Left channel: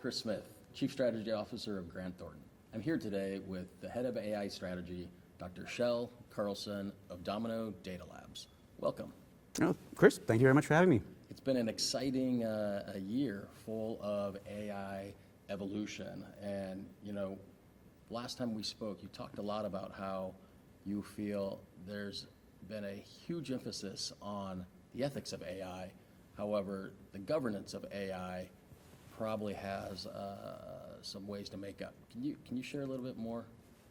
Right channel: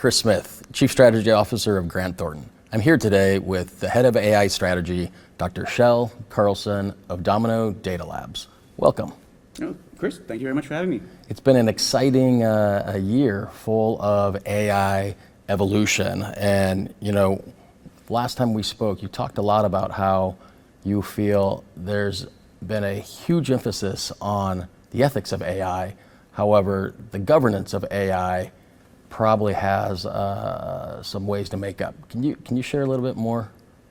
Chris Smith, Chief Strategy Officer of Grant Thornton. I'm here today with the Head of AI Strategy, Dr. Shel Carlson of Domino Data Labs. Welcome. Oh, Chris, thank you very much for having me. It's been an exciting year full of AI evolution. And, last time we spoke, you talked a lot about how you feel there's been a huge emphasis on the ethics of AI. However, the governance of AI probably has some ways to make up. Can you share a little bit more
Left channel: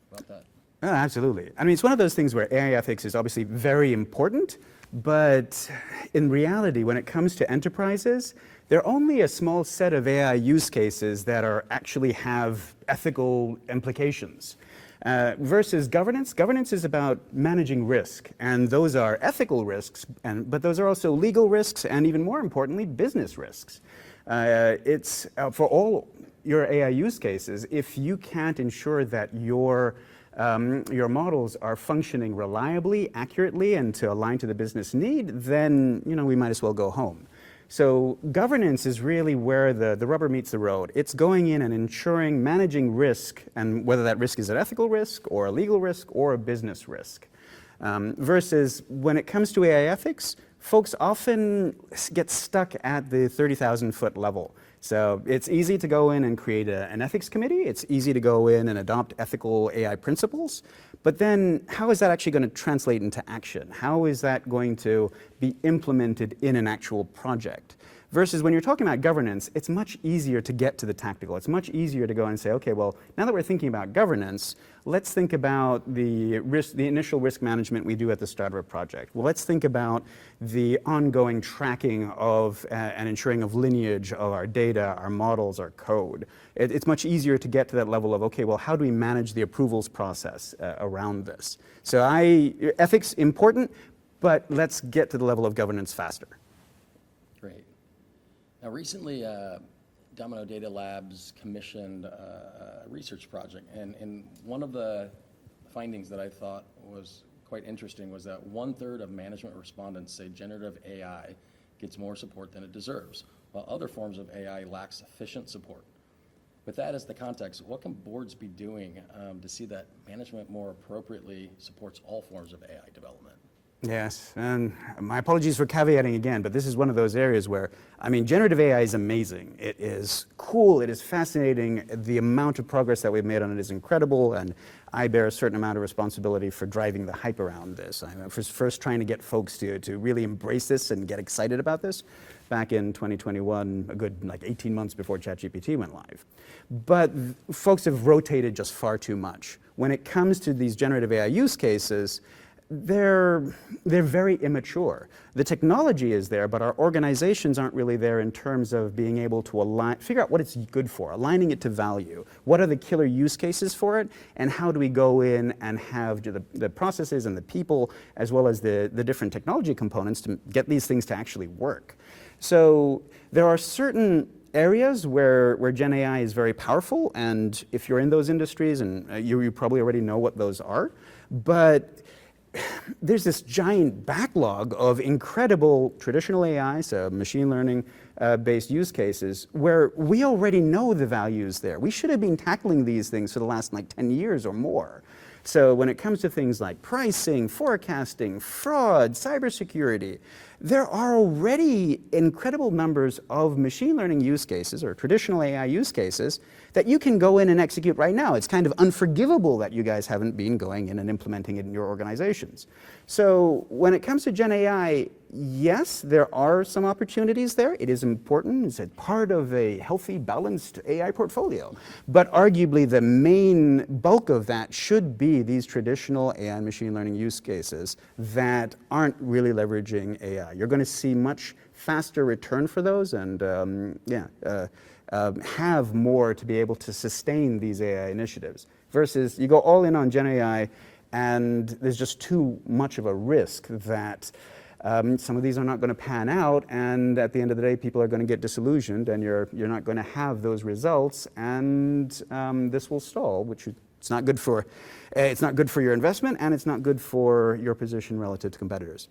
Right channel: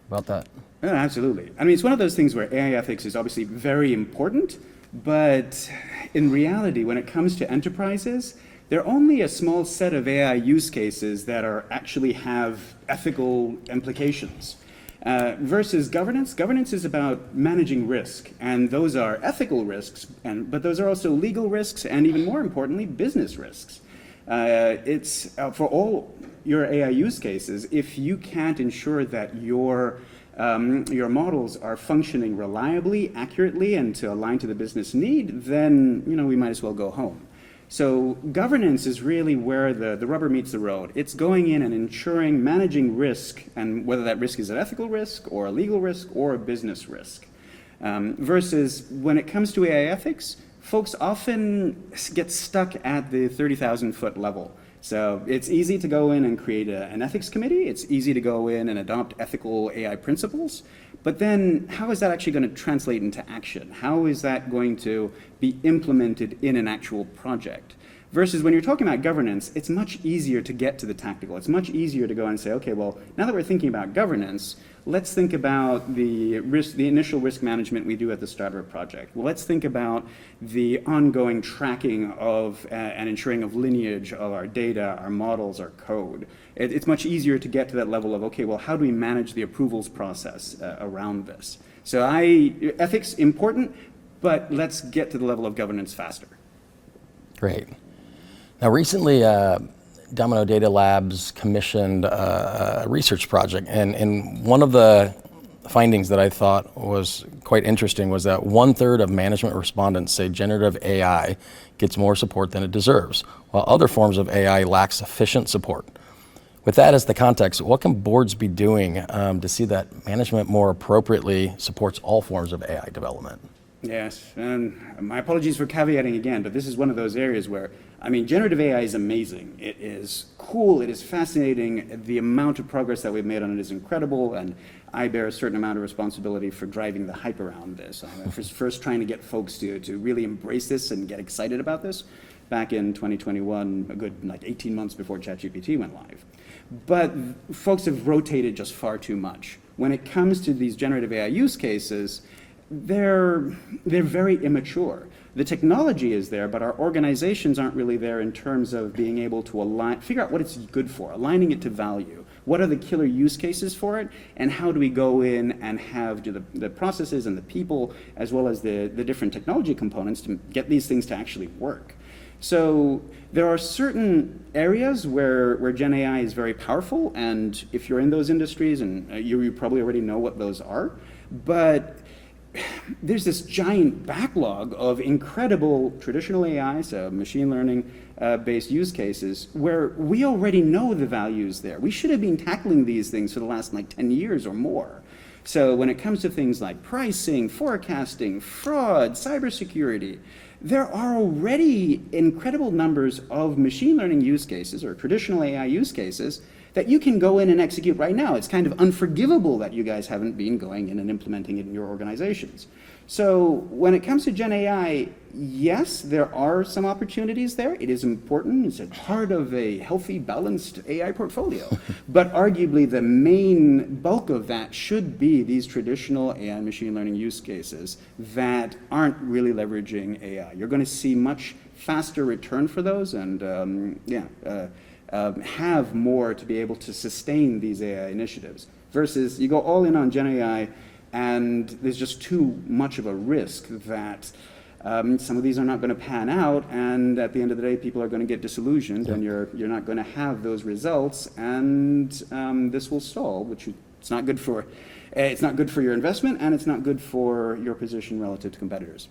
about that? Yeah, absolutely. I mean, it's one of those things where AI ethics is obviously very important, but in reality, when it comes to enterprises, there are only a small set of AI use cases that actually have ethical implications. Versus governance. Governance is about managing risk, and those are ethical risks, but those are also legal risks, and even more importantly, business risks. It's for all your AI use cases, if you can't ensure that your models are functioning reliably, accurately, and to align to the business need, then we might as well go home. So governance is really where the rubber meets the road. It's going in and ensuring managing risk, and whether that risk is an ethical risk or a legal risk or a business risk. Versus when it comes to AI ethics, folks often get stuck at the 30,000-foot level. So it's easy to go in and create an ethics committee. It's easy to go in and adopt ethical AI principles. But then how is that actually going to translate into action? How is that going to be implemented in an actual project? Versus when you're talking about governance, it's much easier to get to the tactical. It's much easier to go and say, okay, well, now that we're thinking about governance, let's think about the initial risk management we do at the start of a project. Well, let's think about the ongoing tracking of and ensuring of lineage of our data, our models, our code. It's much easier to get to that level of, okay, well, how do we manage the approvals process around this? So ethics important, but let's get to the level of governance faster. Great. Now, recently, Domino Data Labs commissioned a research project, and one of the findings that I thought was quite interesting was that 1/3 of management respondents say generative AI gets more support than it deserves, while other forms of AI lack sufficient support. With that as the context, what can boards be doing to see that management more appropriately supports all forms of AI development? Yes, and my apologies for caveating again, but this is one of those areas where, generative AI is amazing. It is cool, it is fascinating. The amount of progress that we've made on it is incredible, and I bear a certain amount of responsibility for driving the hype around this. I'm first trying to get folks to really embrace this and get excited about this back in 2021, a good 18 months before ChatGPT went live. But folks have rotated just far too much. When it comes to these generative AI use cases, they're very immature. The technology is there, but our organizations aren't really there in terms of being able to figure out what it's good for, aligning it to value. What are the killer use cases for it, and how do we go in and have the processes and the people, as well as the different technology components to get these things to actually work. So there are certain areas where Gen AI is very powerful, and if you're in those industries, and you probably already know what those are, but there's this giant backlog of incredible traditional AI, so machine learning based use cases, where we already know the values there. We should have been tackling these things for the last 10 years or more. So when it comes to things like pricing, forecasting, fraud, cybersecurity, there are already incredible numbers of machine learning use cases or traditional AI use cases that you can go in and execute right now. It's kind of unforgivable that you guys haven't been going in and implementing it in your organizations. So when it comes to Gen AI, yes, there are some opportunities there. It is important. It's a part of a healthy, balanced AI portfolio. But arguably, the main bulk of that should be these traditional AI machine learning use cases that aren't really leveraging AI. You're going to see much faster return for those, and have more to be able to sustain these AI initiatives. Versus you go all in on Gen AI, and there's just too much of a risk that some of these are not going to pan out, and at the end of the day, people are going to get disillusioned, and you're not going to have those results, and this will stall, which it's not good for. It's not good for your investment, and it's not good for your position relative to competitors.